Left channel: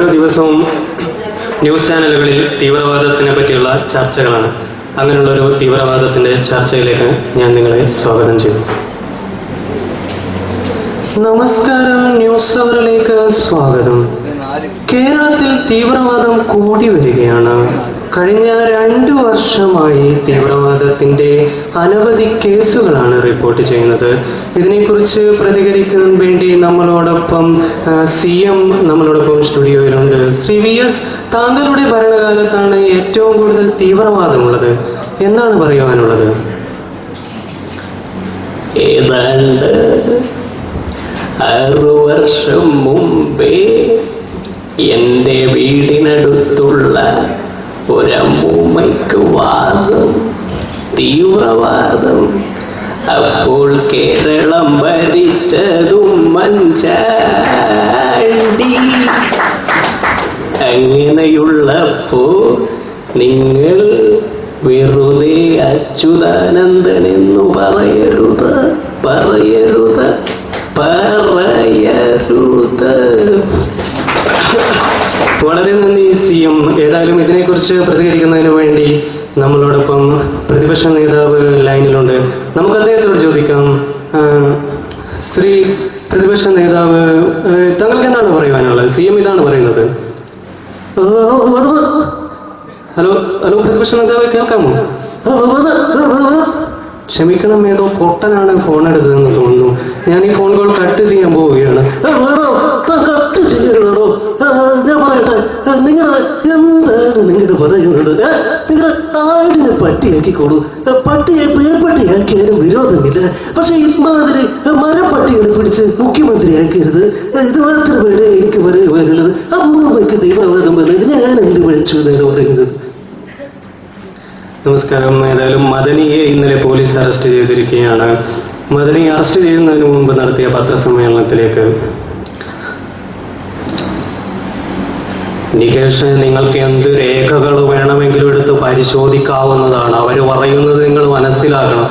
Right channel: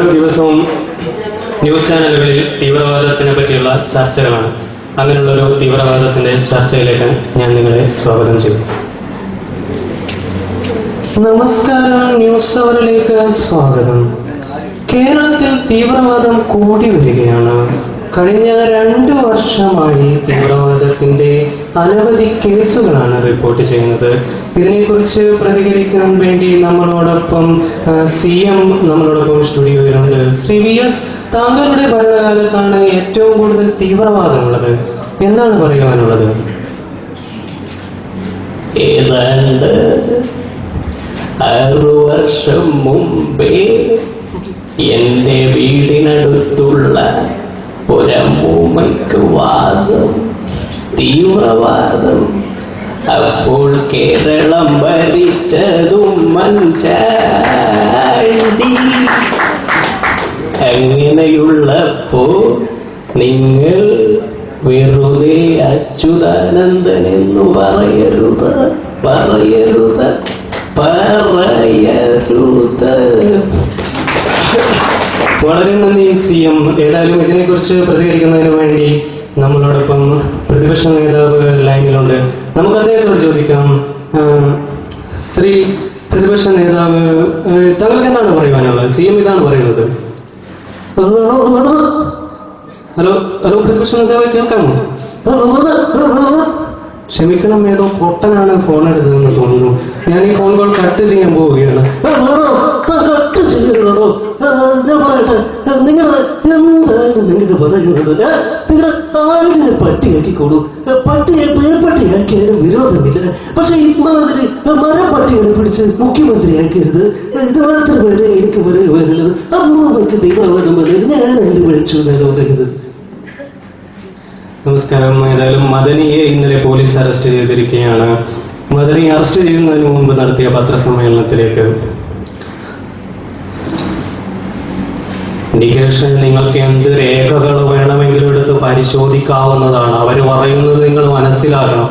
ഓരോ ദിവസവും ന്യൂസ് ചാനലുകളിൽ തീവ്രവാദത്തിനെ പറ്റിയുള്ള ചർച്ചകളാണ്. അങ്ങനെയുള്ളൊരു തീവ്രവാദത്തിന്റെ ചർച്ചയിലേക്ക് ഞാൻ നിങ്ങളെ സ്വാഗതം ചെയ്യും. നമസ്കാരം, ന്യൂസ് അവറിലേക്ക് സ്വാഗതം. കേരളത്തിൽ തീവ്രവാദം കൂടി വരികയാണ്. കഴിഞ്ഞ 2 വർഷമായി തീവ്രവാദത്തിന്റെ അനവധി കേസുകളാണ് റിപ്പോർട്ട് ചെയ്യുന്നത്. ഇതിനെക്കുറിച്ച് പ്രതികരിക്കാൻ വേണ്ടി നമ്മളോടൊപ്പം CM നമ്മളോടൊപ്പം സ്റ്റുഡിയോയിലുണ്ട്. ശ്രീ VS, താങ്കളുടെ ഭരണകാലത്താണ് ഏറ്റവും കൂടുതൽ തീവ്രവാദമുള്ളത്. എന്താണ് പറയുവാനുള്ളത്? ഏതാണ്ട് 6 വർഷം മുമ്പേ എൻ്റെ വീടിനടുത്തുള്ള ഒരമ്മൂമ്മയ്ക്ക് വാദം, തീവ്രവാദം. അപ്പോൾ കേരളം ഭരിച്ചതും ഉമ്മൻചാണ്ടി. അങ്ങനെയുള്ളപ്പോ നിങ്ങൾ വെറുതെ അച്യുതാനന്ദൻ എന്ന് പറയരുത്. വളരെ നന്ദി CM. ഏതായാലും ഇതിനെക്കുറിച്ച് പ്രതികരിക്കുന്നതിന് വേണ്ടി നമ്മളോടൊപ്പം പ്രതിപക്ഷ നേതാവ് ലൈനിലുണ്ട്. നമുക്ക് അദ്ദേഹത്തോട് ചോദിക്കാം. ശ്രീ പ്രതിപക്ഷ നേതാവ്, താങ്കൾക്ക് എന്താണ് പറയുവാനുള്ളത്? CM ഇതാണ് പറയുന്നത്. ഹലോ പ്രതിപക്ഷ നേതാവ്, കേൾക്കാമോ? ക്ഷമിക്കണം, ഏതോ പൊട്ടനാണ് ഫോൺ എടുത്തതെന്ന് തോന്നുന്നു. ഞാൻ ഈ ഫോൺ കോൾ കട്ട് ചെയ്യാൻ പോവുകയാണ്. കട്ട് ചെയ്യണോ? ഞാൻ പറയട്ടെ, നിങ്ങള് എന്താണ് നിങ്ങളുടെ പറയുന്നത്? നിങ്ങളുടെ ആടിനെ പട്ടിയാക്കിക്കോളൂ. പട്ടിയെ പേർപ്പട്ടിയാക്കിയാലും വിരോധമില്ല. പക്ഷെ ഇമാതിരി മരപ്പട്ടികളെ പിടിച്ച് മുഖ്യമന്ത്രിയാക്കരുത്. ഇതുപോലത്തെ വേറെ എനിക്ക് പറയുവാനുള്ളത്. അമ്മൂമ്മയ്ക്ക് തീവ്രവാദം വന്നത് ഞാൻ എന്ത് വിളിച്ചു എന്നാണ് പറയുന്നത്. നമസ്കാരം. ഏതായാലും മദനിയെ ഇന്നലെ പോലീസ് അറസ്റ്റ് ചെയ്തിരിക്കുകയാണ്. മദനി അറസ്റ്റ് ചെയ്യുന്നതിന് മുമ്പ് നടത്തിയ പത്രസമ്മേളനത്തിലേക്ക്, നികേഷ്, നിങ്ങൾക്ക് എന്ത് രേഖകൾ വേണമെങ്കിലും എടുത്ത് പരിശോധിക്കാവുന്നതാണ്. അവർ പറയുന്നത് നിങ്ങൾ മനസ്സിലാക്കണം.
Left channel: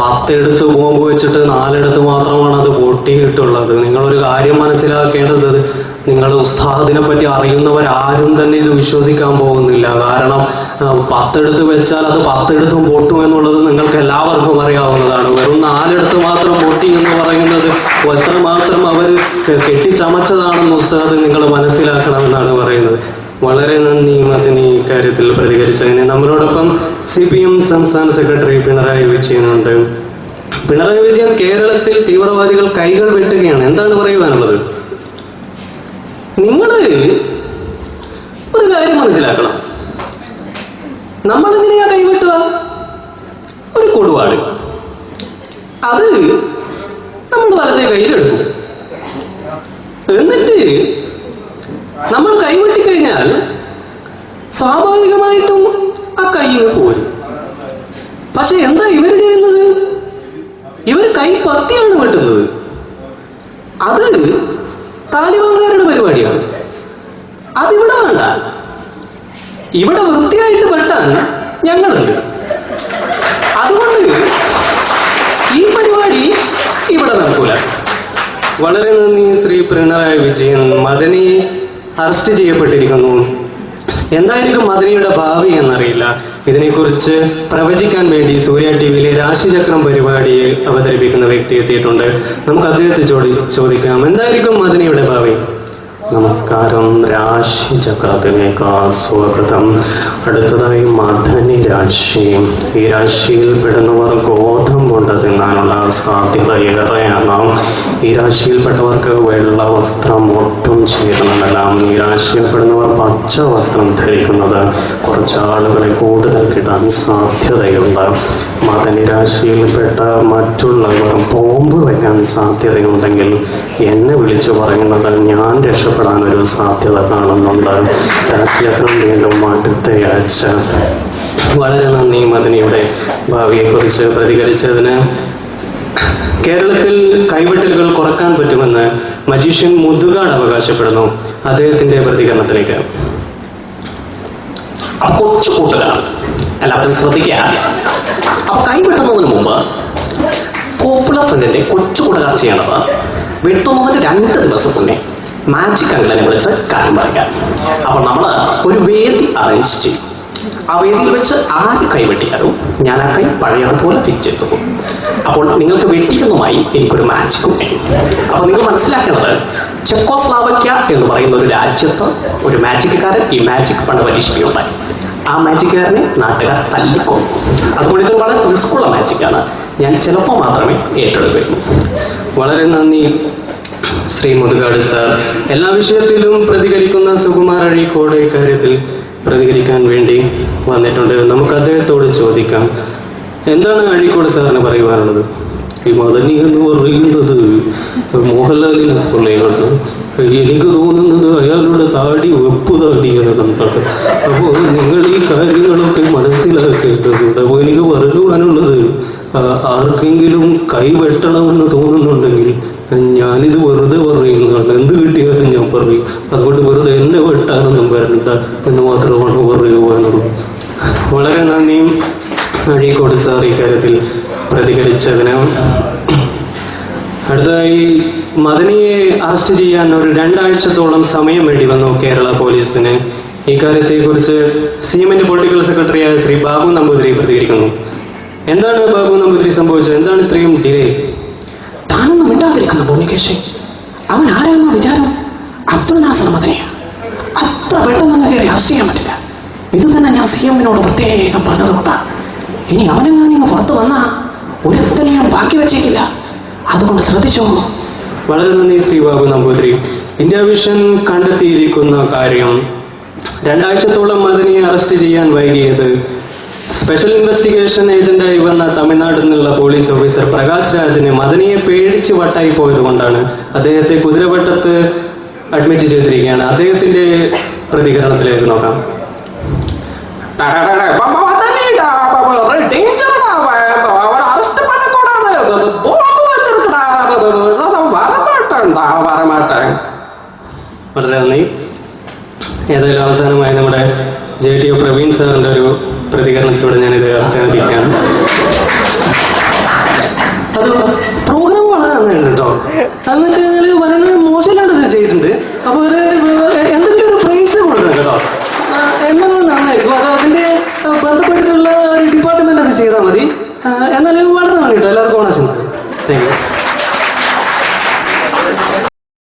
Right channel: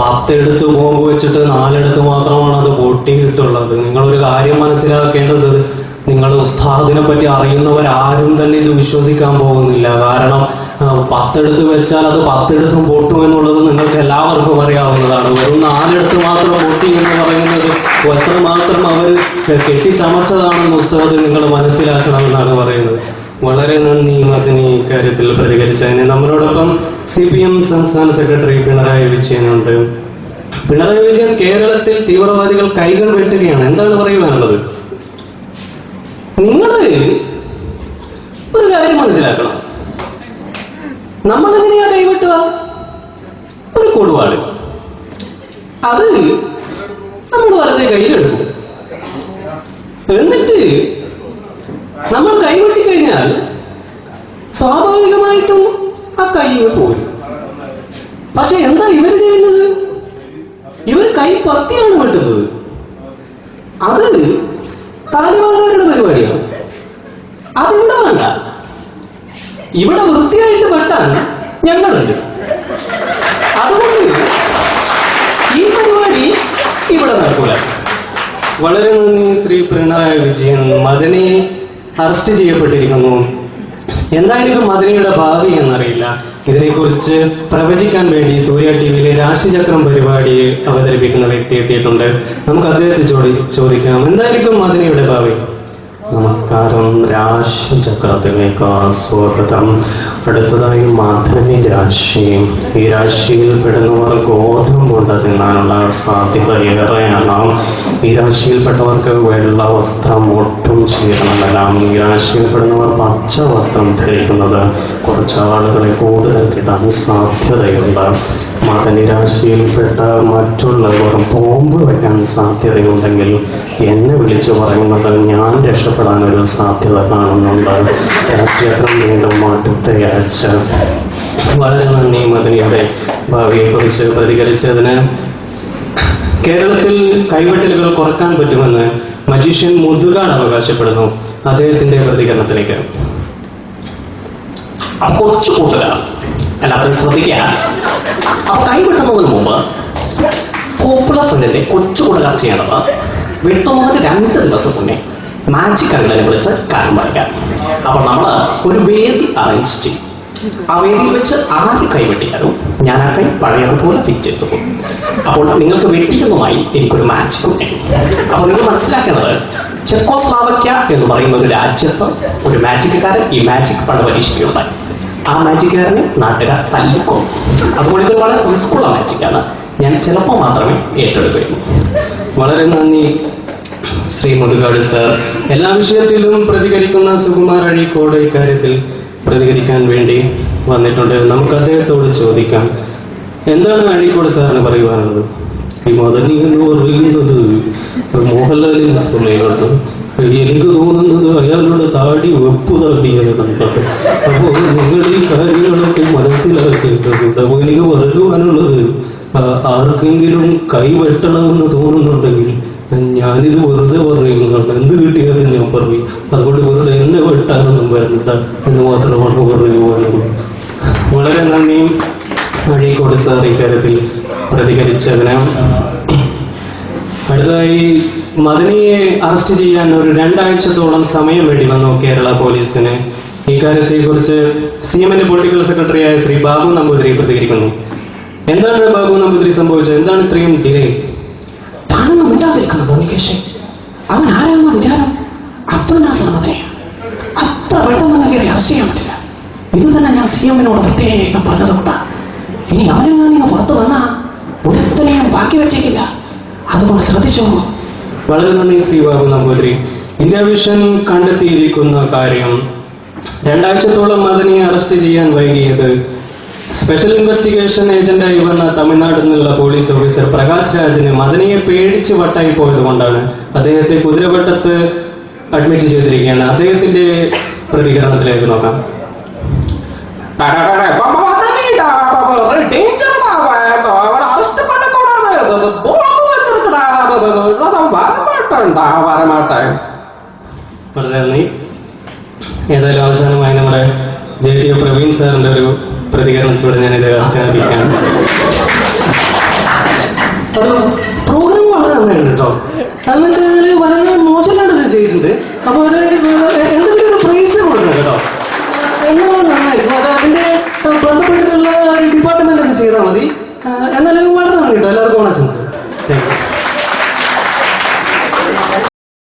10 എടുത്ത് ബോംബ് വെച്ചിട്ട് 4 എടുത്ത് മാത്രമാണ് അത് പൊട്ടിയിട്ടുള്ളത്. നിങ്ങളൊരു കാര്യം മനസ്സിലാക്കേണ്ടത്, നിങ്ങൾ ഉസ്താദിനെ പറ്റി അറിയുന്നവരാരും തന്നെ ഇത് വിശ്വസിക്കാൻ പോകുന്നില്ല. കാരണം 10 എടുത്ത് വെച്ചാൽ അത് 10 എടുത്തും പൊട്ടും എന്നുള്ളത് നിങ്ങൾക്ക് എല്ലാവർക്കും അറിയാവുന്നതാണ്. വെറും 4 എടുത്ത് മാത്രം പൊട്ടി എന്ന് പറയുന്നത് എത്രമാത്രം അവർ കെട്ടിച്ചമച്ചതാണെന്ന് ഉസ്താദ് നിങ്ങൾ മനസ്സിലാക്കണമെന്നാണ് പറയുന്നത്. വളരെ നന്ദി മദനി ഇക്കാര്യത്തിൽ പ്രതികരിച്ചതിന്. നമ്മളോടൊപ്പം CPM സംസ്ഥാന സെക്രട്ടറി പിണറായി വിജയനുണ്ട്. പിണറായി വിജയൻ, കേരളത്തിൽ തീവ്രവാദികൾ കൈകൾ വെട്ടുകയാണ്. എന്താണ് പറയുവാനുള്ളത്? നിങ്ങൾ ഒരു കാര്യം മനസ്സിലാക്കണം. നമ്മളെങ്ങനെയാ കൈവെട്ടുക? ഒരു കൊടുവാള്, അത് നമ്മൾ വലത്തെ കയ്യിലെടുക്കും. എന്നിട്ട് നമ്മൾ കൈവെട്ടിക്കഴിഞ്ഞാൽ സ്വാഭാവികമായിട്ടും ആ കൈയിൽ പോരും. പക്ഷെ എന്താ ഇവർ ചെയ്യുന്നത്? ഇവർ കൈ പത്തിയാണ് വെട്ടുന്നത്. അത് താലിബാനുകാരുടെ പരിപാടിയാണ്. അതിവിടെ വേണ്ട. ഇവിടെ വൃത്തിയായിട്ട് വെട്ടാൻ ഞങ്ങളുണ്ട്. അതുകൊണ്ട് ഈ പരിപാടി ഇവിടെ നടക്കൂല. വളരെ നന്ദി ശ്രീ പിണറായി വിജയൻ. മദനി അറസ്റ്റ് ചെയ്യപ്പെട്ടിരിക്കുന്നു. എന്തായിരിക്കും മദനിയുടെ ഭാവി എന്നറിയില്ല. ഇതിനെക്കുറിച്ച് പ്രവചിക്കാൻ വേണ്ടി സൂര്യ TVയിലെ രാശിചക്രം പരിപാടിയിൽ അവതരിപ്പിക്കുന്ന വ്യക്തി എത്തിയിട്ടുണ്ട്. നമുക്ക് അദ്ദേഹത്തെ ചോദിക്കാം, എന്തായിരിക്കും മദനിയുടെ ഭാവി? നമസ്കാരം, രാശിചക്രത്തിലേക്ക് സ്വാഗതം. അടുത്തതായി മദനി രാശി. ഈ രാശിയിൽ പെടുന്നവർ ഗോതമ്പുണ്ട് തിന്നാനുള്ള സാധ്യത ഏറെയാണ്. ഈ രാശിയിൽപ്പെട്ടവർക്ക് വെള്ള വസ്ത്രം ഒട്ടും ചേരുന്നതല്ല. ഈ രാശിയിൽപ്പെടുന്നവർ പച്ച വസ്ത്രം ധരിക്കുന്നത് കുറച്ച് ആളുകളെ കൂടുതൽ കിട്ടാൻ സാധ്യതയുണ്ട്. മദനി രാശിയിൽപ്പെട്ട മറ്റുള്ളവർ ബോംബ് വയ്ക്കാൻ സാധ്യതയുണ്ടെങ്കിൽ എന്നെ വിളിച്ചു പറയുന്നത് ഞാൻ രക്ഷപ്പെടാനൊരു സാധ്യത കാണുന്നുണ്ട്. രാശിചക്രം വീണ്ടും അടുത്ത ആഴ്ച. വളരെ നന്ദി മദനിയുടെ ഭാവിയെക്കുറിച്ച് പ്രതികരിച്ചതിന്. കേരളത്തിൽ കൈവെട്ടലുകൾ കുറക്കാൻ പറ്റുമെന്ന് മജീഷ്യൻ മുതുകാട് അവകാശപ്പെടുന്നു. അദ്ദേഹത്തിന്റെ പ്രതികരണത്തിലേക്ക്. കൊച്ചു കൂട്ടരാണ്, എല്ലാവരും ശ്രദ്ധിക്കുക. അപ്പൊ കൈവെട്ടുന്നതിന് മുമ്പ് പോപ്പുലർ ഫ്രണ്ടിന്റെ കൊച്ചു കൂട്ടുകാർ ചെയ്യണത് വെട്ടുന്നതിന് 2 ദിവസം മുന്നേ മാജിക് അങ്കിളിനെ വിളിച്ച് കാര്യം പറയാം. അപ്പോൾ നമ്മൾ ഒരു വേദി അറേഞ്ച് ചെയ്യും. ആ വേദിയിൽ വെച്ച് ആര് കൈ വെട്ടിയാലും ഞാൻ ആ കൈ പഴയതുപോലെ ഫിക്സ് ചെയ്തു പോകും. അപ്പോൾ നിങ്ങൾക്ക് വെട്ടിക്കുന്നതുമായി എനിക്കൊരു മാജിക്കും ചെയ്യും. അപ്പോൾ നിങ്ങൾ മനസ്സിലാക്കേണ്ടത്, ചെക്കോസ്ലാവക്യ എന്ന് പറയുന്ന ഒരു രാജ്യത്ത് ഒരു മാജിക്കാരൻ ഈ മാജിക് പണ്ട് പരീക്ഷിക്കുകയുണ്ടായി. ആ മാജിക്കാരനെ നാട്ടുകാർ തല്ലിക്കൊന്നു. അതുകൊണ്ട് ഇത് വളരെ റിസ്ക്കുള്ള മാജിക്കാണ്. ഞാൻ ചിലപ്പോൾ മാത്രമേ ഏറ്റെടുക്കുകയുള്ളൂ. വളരെ നന്ദി ശ്രീ മുതുകാട് സാർ. എല്ലാ വിഷയത്തിലും പ്രതികരിക്കുന്ന സുകുമാർ അഴീക്കോട് ഇക്കാര്യത്തിൽ പ്രതികരിക്കാൻ വേണ്ടി വന്നിട്ടുണ്ട്. നമുക്ക് അദ്ദേഹത്തോട് ചോദിക്കാം, എന്താണ് അഴീക്കോട് സാറിന് പറയുവാനുള്ളത്? ഈ മദനി എന്ന് പറയുന്നത് മോഹൻലാലിൽ പോലെയാണ്. എനിക്ക് തോന്നുന്നത് അയാളുടെ താടി വെപ്പ് താടിയാണെന്നാണ്. അപ്പോൾ നിങ്ങൾ ഈ കാര്യങ്ങളൊക്കെ മനസ്സിലാക്കേണ്ടതുണ്ട്. അപ്പോൾ എനിക്ക് പറയുവാനുള്ളത്, ആർക്കെങ്കിലും കൈ വെട്ടണമെന്ന് തോന്നുന്നുണ്ടെങ്കിൽ ഞാനിത് വെറുതെ പറയുന്നതാണ്. എന്ത് കിട്ടിയാലും ഞാൻ പറയും. അതുകൊണ്ട് വെറുതെ എന്നെ വെട്ടാനൊന്നും വരണ്ട എന്ന് മാത്രമാണ് പറയുവാനുള്ളത്. വളരെ നന്ദി അഴീക്കോട് സാർ ഇക്കാര്യത്തിൽ പ്രതികരിച്ചതിന്. അടുത്തതായി, മദനിയെ അറസ്റ്റ് ചെയ്യാൻ ഒരു 2 ആഴ്ചത്തോളം സമയം വേണ്ടി വന്നു കേരള പോലീസിന്. ഇക്കാര്യത്തെക്കുറിച്ച് CM-ന്റെ പൊളിറ്റിക്കൽ സെക്രട്ടറിയായ ശ്രീ ബാബു നമ്പൂതിരി പ്രതികരിക്കുന്നു. എന്താണ് ബാബു നമ്പൂതിരി സംഭവിച്ചത്? എന്താണ് ഇത്രയും ഡിലേ? താനൊന്നും മിണ്ടാതിരിക്കുന്ന ഭൂമികേശൻ, അവൻ ആരാണെന്ന വിചാരം? അബ്ദുൾ നാസർ മദനിയാണ്. അത്ര പെട്ടെന്ന് തന്നെ കയറി അറസ്റ്റ് ചെയ്യാൻ പറ്റില്ല. ഇത് തന്നെ ഞാൻ CM-നോട് പ്രത്യേകം പറഞ്ഞതുകൊണ്ടാണ്. ഇനി അവനെങ്ങാനും പുറത്തു വന്നാ ഒരുത്തനെയും ബാക്കി വെച്ചേക്കില്ല. അതുകൊണ്ട് ശ്രദ്ധിച്ചോ. വളരെ നന്ദി ശ്രീ ബാബു നമ്പൂതിരി. ഇന്ത്യ വിഷൻ കണ്ടെത്തിയിരിക്കുന്ന കാര്യം, 2 ആഴ്ചത്തോളം മദനിയെ അറസ്റ്റ് ചെയ്യാൻ വൈകിയത് സ്പെഷ്യൽ ഇൻവെസ്റ്റിഗേഷൻ ഏജന്റായി വന്ന തമിഴ്നാട്ടിൽ നിന്നുള്ള പോലീസ് ഓഫീസർ പ്രകാശ് രാജിന് മദനിയെ പേടിച്ച് വട്ടായി പോയത് കൊണ്ടാണ്. അദ്ദേഹത്തെ കുതിരവട്ടത്ത് അഡ്മിറ്റ് ചെയ്തിരിക്കുകയാണ്. അദ്ദേഹത്തിന്റെ പ്രതികരണത്തിലേക്ക് നോക്കാം. വളരെ നന്ദി. ഏതായാലും അവസാനമായി നമ്മുടെ JTO പ്രവീൺ സാറിന്റെ ഒരു പ്രതികരണത്തിലൂടെ ഞാനിത് അവസാനിപ്പിക്കുകയാണ്. അത് പ്രോഗ്രാം വളരെ നന്നായിരുന്നു കേട്ടോ. എന്ന് വെച്ചാൽ വളരെ മോശമില്ലാണ്ട് ചെയ്തിട്ടുണ്ട്.